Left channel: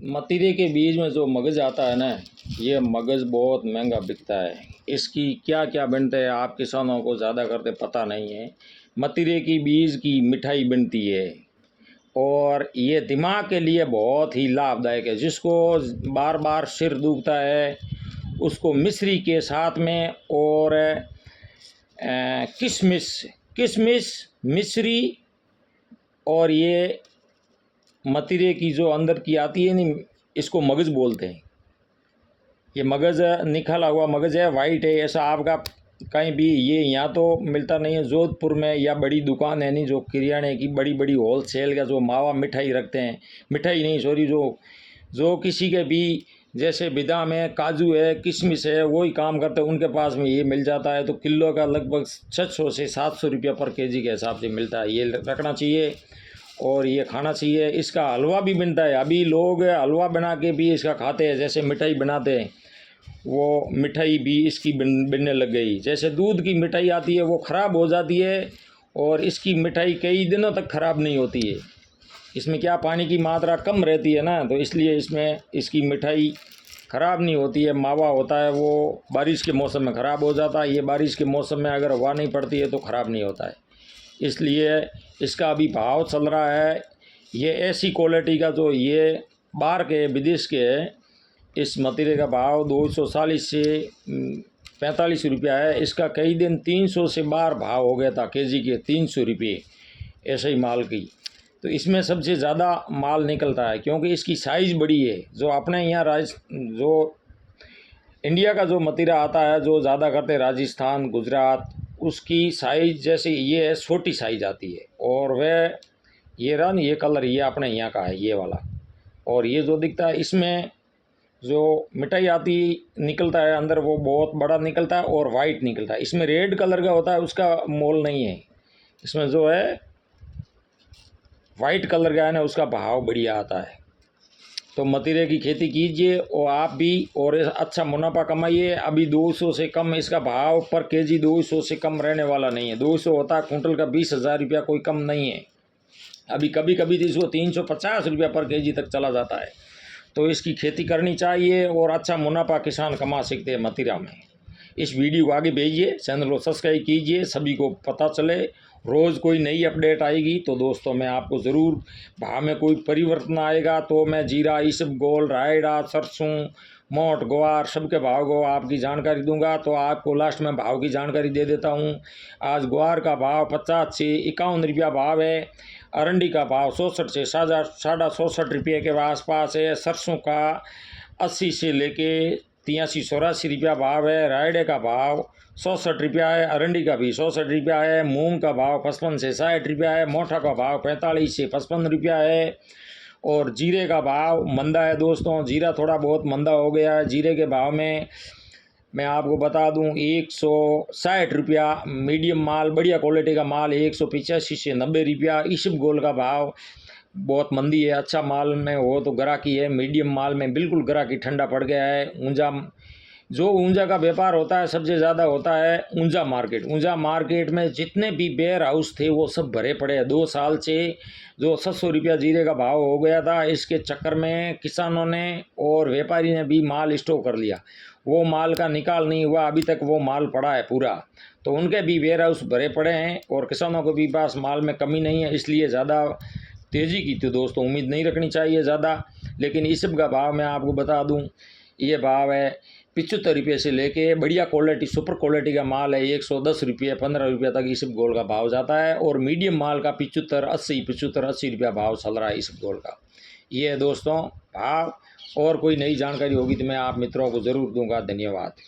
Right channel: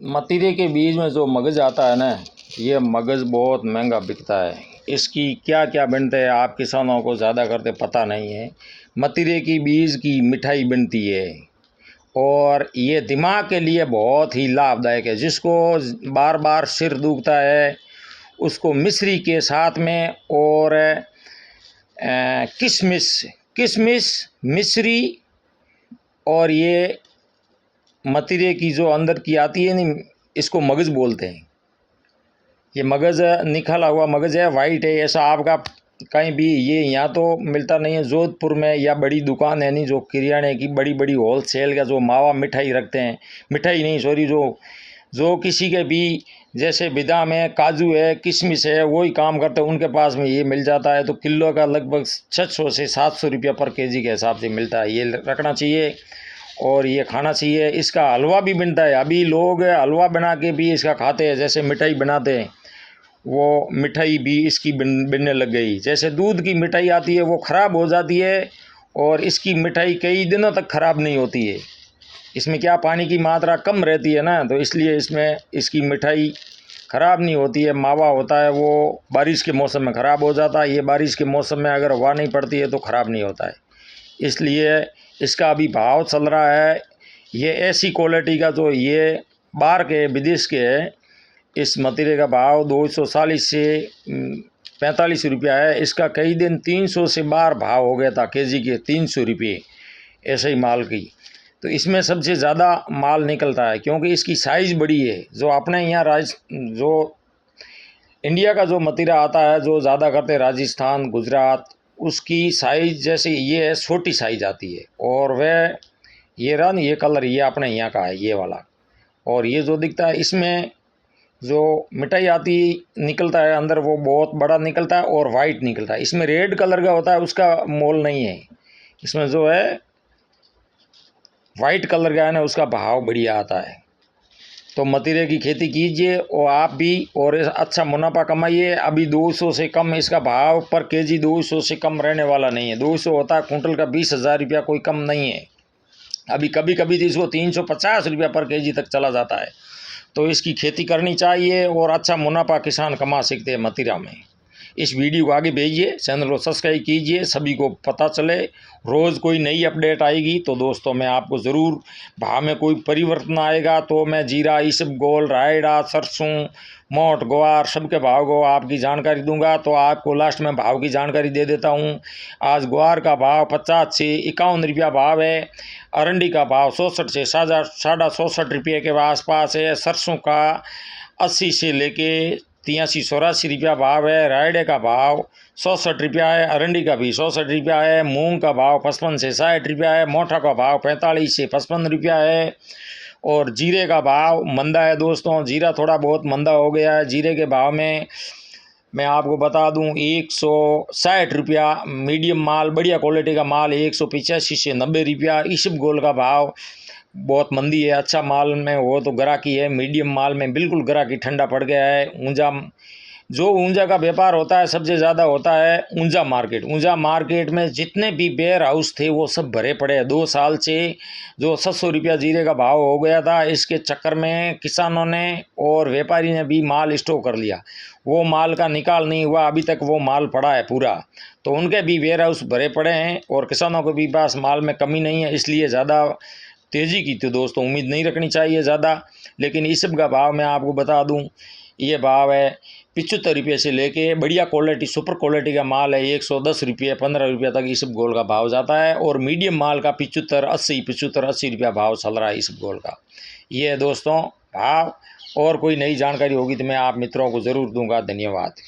मतीरे के बीज में जो मगज़ आता है ना, ये मगज़ बहुत महंगा बिकता है। इसकी क्या क्या बनते हैं आप किसानों को ज़्यादा करते पता नहीं है। मतीरे की बीज की मिठाई बनती है और ये दिमाग के लिए बहुत ही लाभदायक है। जिसको बार बार सिर दुखता है उसको मिश्री के साथ में और किशमिश किशमिश मिश्री और ये मतीरे की जो अंदर की आती है नहीं, इसको मगज़ बोलते हैं। ये मगज़ निकला हुआ मगज़ है, वाइट है। ऐसा आपका कहीं भी ये यहाँ तो मिलता नहीं है। जोधपुर में या बड़ी दुकान है नहीं जो किराने की बड़ी बड़ी होल सेल का जो मावा मिठाई रखते हैं, मिठाई नहीं सॉरी, जो किसी के भी जैसे बादाम है, काजू है, किशमिश है, वही काम करते हैं, उनके पास में ये मिल जाता है। तो किलो का लगभग 600 से 700 रुपया पर केजी के हिसाब से मिलता है। ये रखना चाहिए और ये खाना चाहिए। इसका हलवा भी बनता है। अभी लोग हलवा बना के भी इसका खाते हैं, जैसे मिठाई बनाते हैं वो मिठाई भी इसकी बनने लग गई। जैसे दूध की मिठाई आती है वो ख़राब हो जाती है और इसकी मिठाई कई दिनों तक ख़राब नहीं होती है। इसमें क्या पानी की मात्रा कम रहती है ना, तो इसलिए इसमें इसकी मिठाई ख़राब नहीं होती है। मावा होता है वो बारिश के मौसम में ख़राब हो जाता है। ये बारिश के मौसम में अगर हवा नहीं पड़ती है तो ख़राब नहीं होता है। इसलिए इसका अभी भाव चल रहा है। ये ऐसी क्वालिटी का जो ये बाहर के विदेश के है, इस मतीरे का भाव 240 से 45 रुपया है। इसका कई दिन 300 से बाहर भाव हो गया था केजी के 300 रुपये ऐसे ही माल की। तो इसमें सबसे ज़्यादा माल निकलता है क्योंकि इसकी साइज़ बड़ी है। जो अपने यहाँ जो इंडिया का जो मतीरा आता है जो ज़्यादा करते राजस्थान गुजरात, उसकी साइज़ जैसे ये है छोटी साइज़ आती है। और वह ये रन ये कलर ये अपने यहाँ का है ये वाला। और ये जो दिखता है इसमें जो मिठाई आती निकलता है अंदर वो बहुत बड़ा निकलता है और वाइट निकलता है। इसमें रेड कलर का होता है, उसका मोल नहीं है। इसमें जो है वाइट कलर का है ना, उसका भाव बढ़िया आता है। तो मतीरे की खेती कीजिए और आप भी और अच्छा मुनाफा कमाइए। अभी 200 से कम इसका भाव पर केजी 200 से कम रहने वाला नहीं है। 200 होता है कुंटल का 20,000 रुपया, कोई कम नहीं है। अभी कभी कभी तो इसको 350 रुपया पर केजी तक चला जाता है। तो इसकी खेती करनी चाहिए और अच्छा मुनाफा किसान कमा सकते हैं मतीरा में। इस वीडियो को आगे भेजिए, चैनल को सब्सक्राइब कीजिए, सभी को पता चले। रोज़ कोई नई अपडेट आएगी तो दोस्तों मैं आपको ज़रूर भाव में कोई परिवर्तन आएगा तो मैं जीरा इसबगोल रायड़ा सरसों मोट ग्वार सबके भाव को आपकी जानकारी दूंगा। तो आपको लास्ट में भाव की जानकारी दे देता हूं। आज ग्वार का भाव 50 से 51 रुपया भाव है। अरंडी का भाव 64 से 67 रुपये के आसपास है। सरसों का 80 से लेके 83-84 रुपया भाव है। रायडे का भाव 67 रुपया है। अरंडी का भी 67 रुपया है। मूंग का भाव 55 से 60 रुपया है। मोटा का भाव 45 से 55 रुपया है। और जीरे का भाव मंदा है दोस्तों, जीरा थोड़ा बहुत मंदा हो गया है। जीरे के भाव में मैं आपको बता दूं 160 रुपया मीडियम माल, बढ़िया क्वालिटी का माल 185 से 90 रुपया। इसबगोल का भाव बहुत मंदी है। अच्छा माल में वो तो ग्राहकी है, मीडियम माल में बिल्कुल ग्राहकी ठंडा पड़ गया है। ऊंजा का व्यापार होता है सबसे ज़्यादा होता है ऊंजा मार्केट। ऊंजा मार्केट में जितने भी वेयर हाउस थे वो सब भरे पड़े हैं। 2 साल से जो 700 रुपया जीरे का भाव हो गया था, इसके चक्कर में किसानों ने और व्यापारी ने भी माल स्टॉक कर लिया। वो माल का निकाल नहीं हुआ, अभी तक वो माल पड़ा है पूरा। तो उनके भी वेयर हाउस भरे पड़े हैं और किसानों के भी पास माल में कमी नहीं है। इसलिए ज़्यादा तेज़ी की तो दोस्तों उम्मीद नहीं रखनी चाहिए ज़्यादा। लेकिन इस सब का भाव मैं आपको बता दूं, ये भाव है 75 रुपये से लेके बढ़िया क्वालिटी सुपर क्वालिटी का माल है 110 रुपये 15 रुपये तक इसबगोल का भाव जाता है। और मीडियम माल का 75-80 रुपया भाव चल रहा है इसबगोल का। ये है दोस्तों भाव। और कोई नई जानकारी होगी तो मैं आप मित्रों को ज़रूर दूंगा। धन्यवाद।